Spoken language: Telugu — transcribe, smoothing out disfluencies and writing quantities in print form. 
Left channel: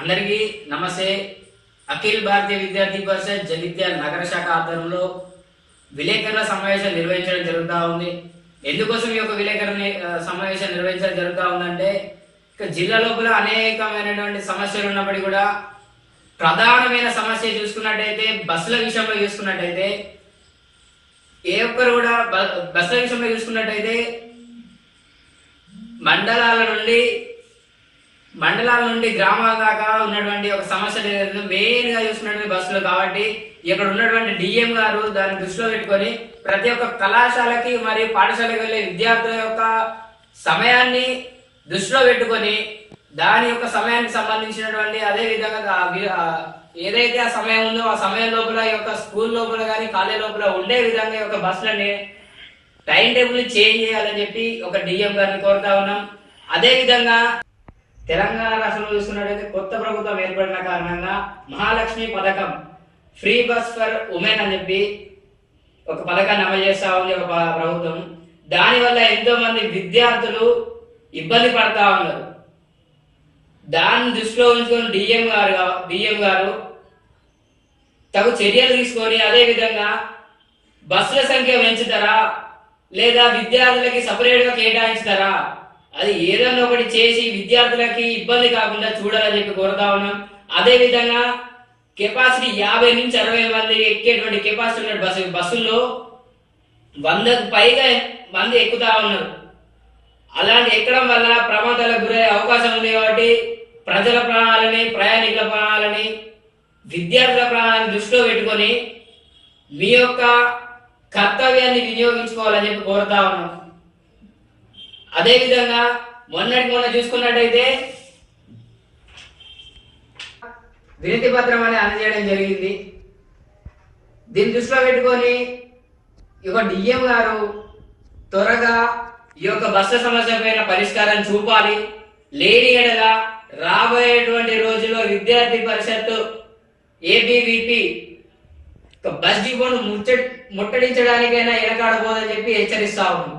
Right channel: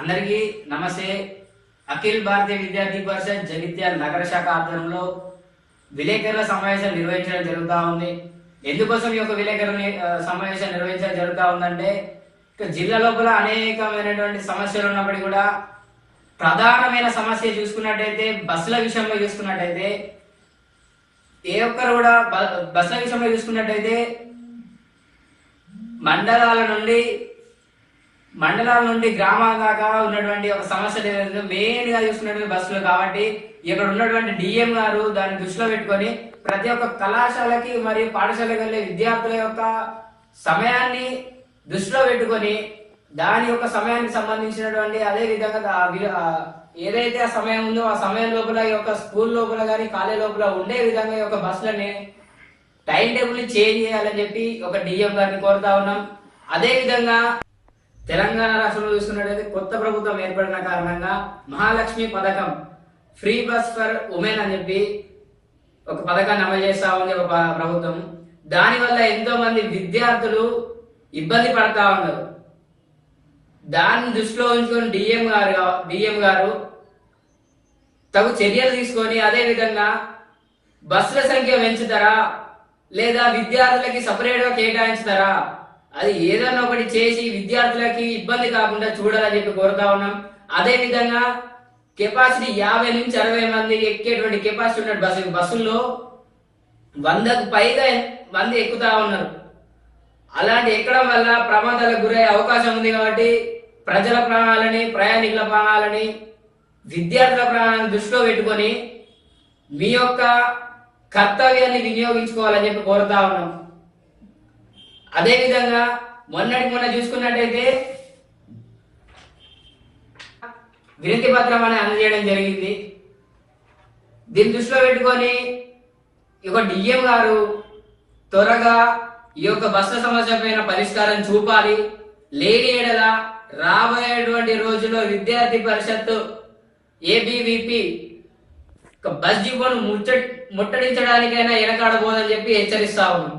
అందరికీ నమస్తే. అఖిల్ భారతీయ విద్యార్థి పరిషత్ జగిత్యాల నగర శాఖ ఆధ్వర్యంలో విలేకరుల సమావేశం నిర్వహించడం జరుగుతూ ఉంది. ఎందుకోసం ఈ యొక్క విలేకరుల సమావేశం నిర్వహించడం జరుగుతూ ఉందంటే, జిల్లా లోపల అనేకమైనటువంటి సమస్యలు ఉన్నప్పటికీ కూడా ప్రధానమైన సమస్య చూసుకున్నట్టయితే బస్సుల విషయంలో చూసుకున్నట్టయితే ఏ ఒక్కరు కూడా బస్సుల విషయంలో చూసుకున్నట్టయితే మండలాల నుండి గ్రామాల దాకా ఉన్నటువంటి ఒక సమస్య మెయిన్ గా చూసుకున్నటువంటి బస్సులు. కాబట్టి ఇక్కడ ఉన్నటువంటి డిఎం గారు దాన్ని దృష్టిలో పెట్టుకొని ప్రతి ఒక్క కళాశాలకి మరియు పాఠశాలకు వెళ్ళే విద్యార్థుల యొక్క సమయాన్ని దృష్టిలో పెట్టుకొని దాని యొక్క సమయానికి సంబంధించినటువంటి అదే విధంగా ఏదైతే ఆ సమయం ఉందో ఆ సమయం లోపల ఈ యొక్క స్కూల్ లోపల కానీ కాలేజ్ లోపల ఉండే విధంగా ఈ యొక్క బస్సులని టైం టేబుల్ చేంజ్ చేయాలని చెప్పి ఒక డిఎం గారిని కోరుతా ఉన్నాం. అదే విధంగా తెలంగాణ రాష్ట్రంలో చూసుకున్నట్లయితే కొత్త ప్రభుత్వం ఏర్పడిన కారణంగా మహాలక్ష్మి పథకం, ఫ్రీ బస్ ఫర్ ఉమెన్ అని చెప్పి ఒక పథకాన్ని అమలు చేస్తా ఉంది ఒక ప్రభుత్వం. దానివల్ల ఎంతో మంది విద్యార్థులు ఇబ్బంది పడతా ఉన్నారు. దాన్ని దృష్టిలో ఉంచుకొని డిఎం గారు తగు చర్యలు తీసుకొని అదే విధంగా బస్సుల సంఖ్య పెంచుతారా లేదా విద్యార్థులకి సపరేట్గా కేటాయించుతారా, అది ఏదన్నా ఒకటి చేసి విద్యార్థులకి ఇబ్బంది కాకుండా చూడాలని చెప్పి కోరుతా ఉన్నాం. అదే విధంగా కెపాసిటీ 50 నుంచి 60 మంది ఎక్కేటువంటి కెపాసిటీ ఉన్న బస్సుల్లో 100కు పైగా మంది ఎక్కుతా ఉన్నారు. అలాంటి ఎక్కడం వల్ల ప్రమాదాలకు గురయ్యే అవకాశం ఉంది. కాబట్టి ప్రజల ప్రాణాలని, ప్రయాణికుల ప్రాణాలని, విద్యార్థుల ప్రాణాలను దృష్టిలో పెట్టుకొని మీ యొక్క కర్తవ్యాన్ని వినియోగించుకోవాలని చెప్పి కోరుతా ఉన్నాం. అదేవిధంగా మొన్న చూసుకున్నట్టయితే వినతి పత్రం అని అందజేయడం జరిగింది. దీన్ని దృష్టిలో పెట్టుకొని ఈ యొక్క డిఎం గారు త్వరగా ఈ యొక్క బస్సు సమస్య పైన పరిష్కారం చూపాలి. లేని ఎడల రాబోయేటువంటి రోజుల్లో విద్యార్థి పరిషత్తు ఏబీవీపీ బస్ డిపోను ముట్టడించడానికైనా వెనకాడబోదని చెప్పి హెచ్చరిస్తా ఉన్నాం.